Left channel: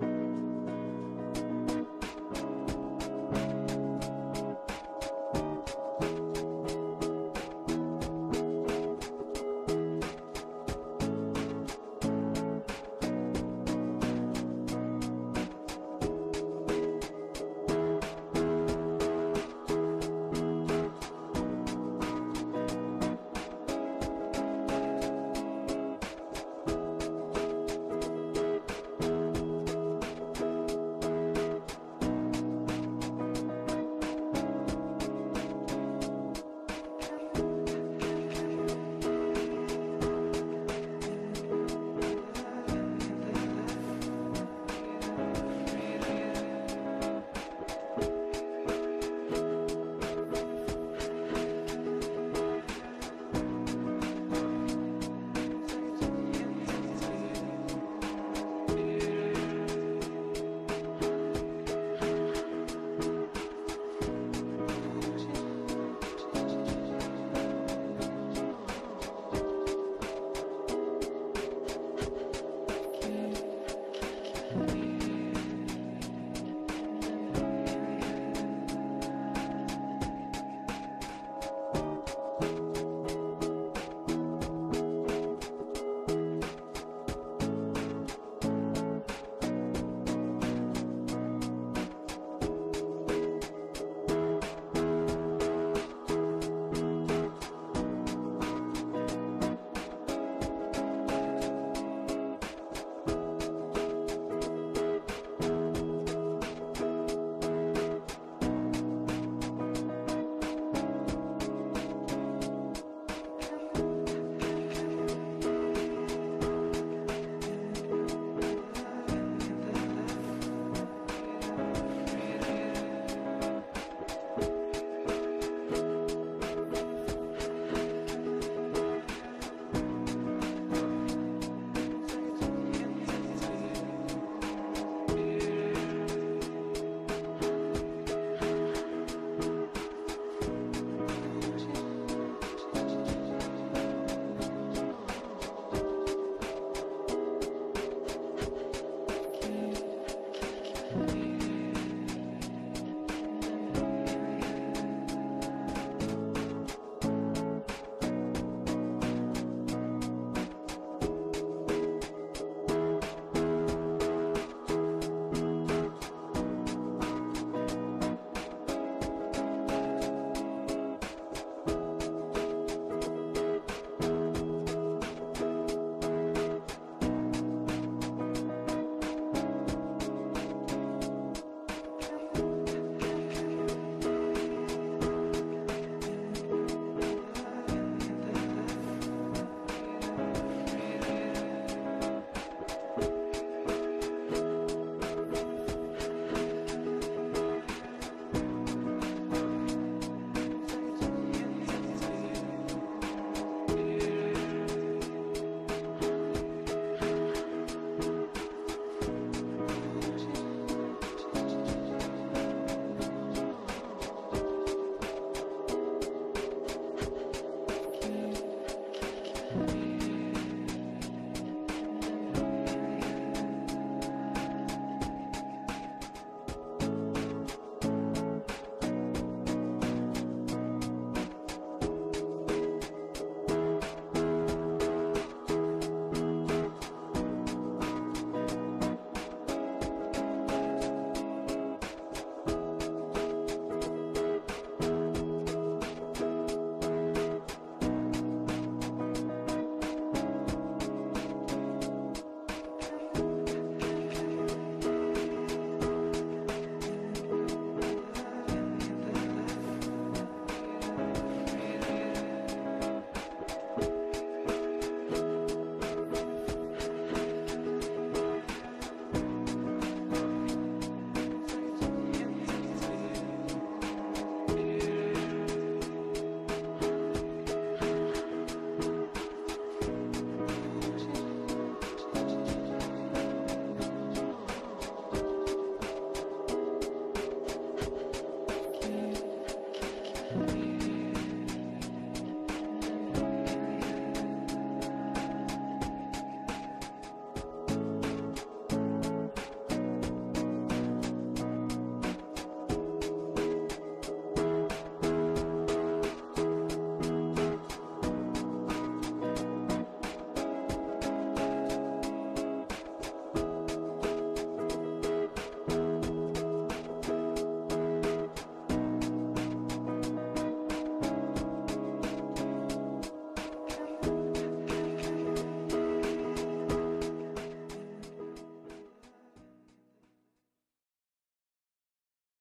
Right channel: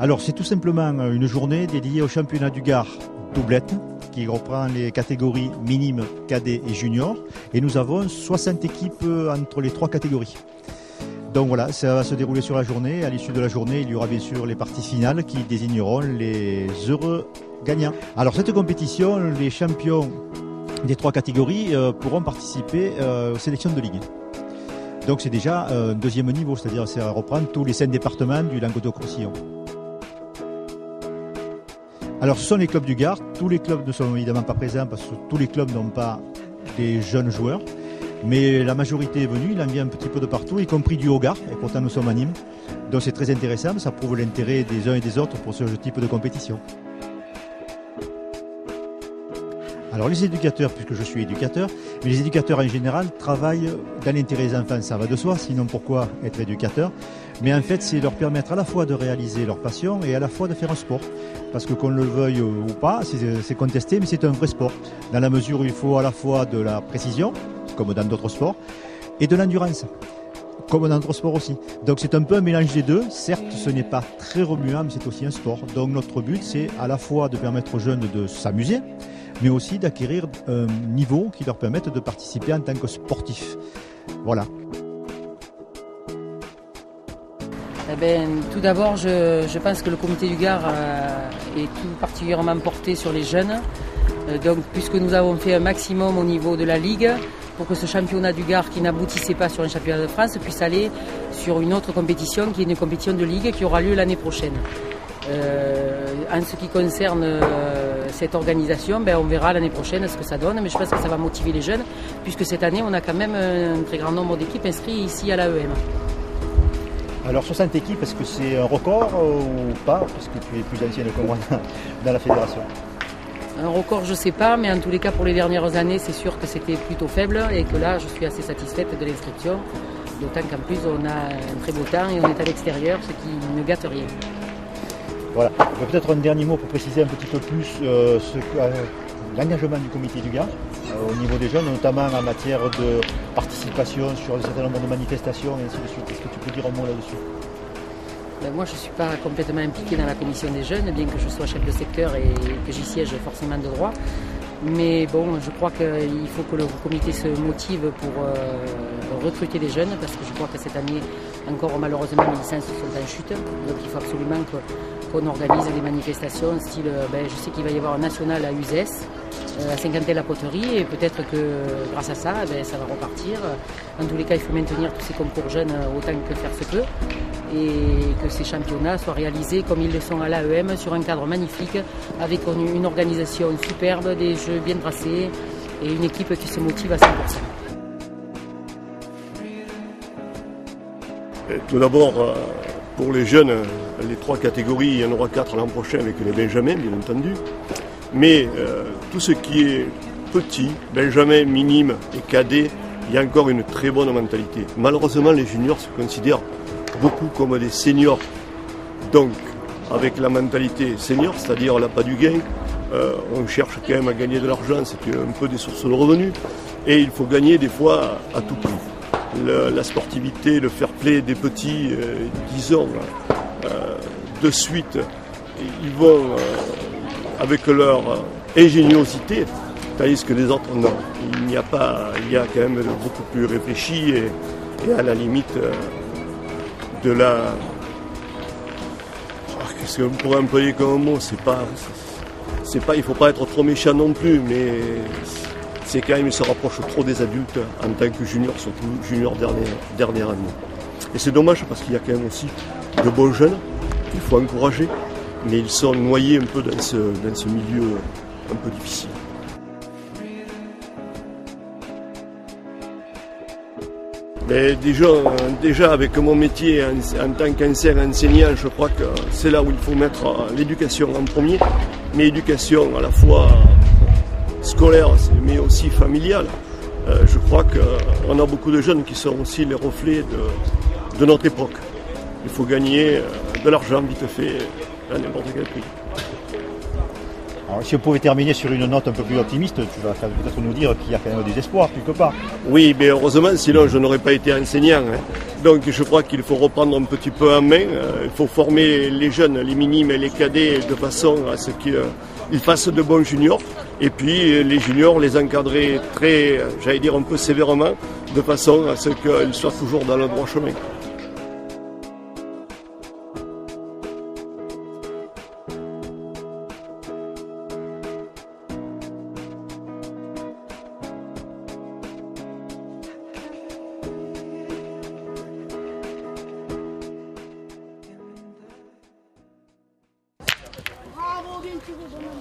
Alors c'est tout simplement une journée dédiée au championnat du Gard doublette qui reprend les catégories minimes, cadets et juniors. Et nous avons 60 équipes entre les trois catégories. Donc voilà, ça va se dérouler sur la journée. À l'issue de la journée, il y aura bien sûr les parties finales qui désigneront les heureux gagnants. Alors cette compétition, les champions des trois catégories pourront participer aux sélections de ligue. Donc c'est déjà un deuxième niveau, c'est-à-dire ça reprend tous les 5 départements du Languedoc-Roussillon. Alors ce sont les clubs du Gard. Tous les clubs ne sont évidemment pas présents parce que tous les clubs n'ont pas des jeunes joueurs. Mais la majorité est venue, il en vient un petit peu de partout, y compris du Haut-Gard, et pourtant nous sommes à Nîmes. Donc c'est très intéressant, ça prouve l'intérêt des uns et des autres pour ce type de compétition. Alors les éducateurs, puisque je suis éducateur, mais les éducateurs en général travaillent dans l'intérêt des enfants, ça va de soi, sinon pourquoi être éducateur? Mais en fait c'est leur permettre à la fois de réaliser leur passion et à la fois de faire un sport. Parce que qu'on le veuille ou pas, c'est contesté, mais c'est un vrai sport. Dans la mesure où il faut à la fois de la précision, comme dans d'autres sports, et de l'endurance, comme dans d'autres sports aussi. Donc c'est un peu un mélange des deux. Certes, ce n'est pas très remuant, mais c'est aussi un sport. Donc notre but, c'est à la fois de permettre aux jeunes de s'amuser, mais aussi d'acquérir un niveau qui leur permette de participer en tant que sportif. Voilà. Tout d'abord, je pense que le comité du Gard est tout particulièrement porté sur les jeunes. Donc, puisque nous avons fait un maximum au niveau de la Ligue pour que ce championnat du Gard qui n'aboutissait pas sur un championnat de France puisse aller sur une autre compétition qui est une compétition de Ligue qui aura lieu l'année prochaine. En ce qui concerne cette organisation, on verra l'année prochaine ce que ça donne, mais je pense que ça va motiver les jeunes puisque cette année on a quand même un très grand nombre d'équipes inscrites ici à l'AEM. Alors 60 équipes, est-ce que c'est un record ou pas? Parce que tu es plus ancienne que moi dans la fédération. Un record, je ne sais pas, mais en tous les cas, pour les dernières années, c'est sûr que c'était plutôt faible et que là, je suis assez satisfaite de l'inscription. D'autant qu'en plus, on a un très beau temps et on est à l'extérieur, ce qui ne gâte rien. Voilà. Peut-être un dernier mot pour préciser un petit peu plus l'engagement du comité du Gard au niveau des jeunes, notamment en matière de participation sur un certain nombre de manifestations et ainsi de suite. Est-ce que tu peux dire un mot là-dessus? Moi, je ne suis pas complètement impliquée dans la commission des jeunes, bien que je sois chef de secteur et que j'y siège forcément de droit. Mais bon, je crois qu'il faut que le comité se motive pour recruter des jeunes, parce que je crois que cette année, encore malheureusement, les licences sont en chute. Donc il faut absolument qu'on organise des manifestations, style, je sais qu'il va y avoir un national à Uzès, à Saint-Quentin-la-Poterie, et peut-être que grâce à ça, ça va repartir. En tous les cas, il faut maintenir tous ces concours jeunes autant que faire se peut, et que ces championnats soient réalisés comme ils le sont à l'AEM, sur un cadre magnifique, avec une organisation superbe, des jeux bien tracés, et une équipe qui se motive à 100%. Tout d'abord, pour les jeunes, les 3 catégories, il y en aura 4 l'an prochain avec les Benjamins, bien entendu. Mais tout ce qui est petit, Benjamin, minime et cadet, il y a encore une très bonne mentalité. Malheureusement, les juniors se considèrent beaucoup comme des seniors. Donc, avec la mentalité senior, c'est-à-dire l'appât du gain, on cherche quand même à gagner de l'argent, c'est un peu des sources de revenus. Et il faut gagner des fois à tout prix. La sportivité, le fair play des petits, disons, de suite, ils vont avec leur ingéniosité, tandis que les autres, non. Il y a quand même beaucoup plus réfléchi et à la limite de la... Qu'est-ce qu'on pourrait employer comme mot? Il ne faut pas être trop méchant non plus, mais c'est quand même, il se rapproche trop des adultes en tant que junior, surtout junior dernière année. Et c'est dommage parce qu'il y a quand même aussi de bons jeunes qu'il faut encourager, mais ils sont noyés un peu dans ce milieu un peu difficile. Mais déjà avec mon métier en tant qu'enseignant, je crois que c'est là où il faut mettre l'éducation en premier, mais éducation à la fois scolaire mais aussi familiale. Je crois qu'on a beaucoup de jeunes qui sont aussi les reflets de notre époque. Il faut gagner de l'argent vite fait à n'importe quel prix. Alors, si on pouvait terminer sur une note un peu plus optimiste, tu vas peut-être nous dire qu'il y a quand même des espoirs quelque part. Oui, mais heureusement, sinon je n'aurais pas été enseignant. Donc je crois qu'il faut reprendre un petit peu en main. Il faut former les jeunes, les minimes et les cadets de façon à ce qu'ils fassent de bons juniors. Et puis les juniors, les encadrer très, j'allais dire un peu sévèrement, de façon à ce qu'ils soient toujours dans le droit chemin. Bravo, bien tiré, bonhomme.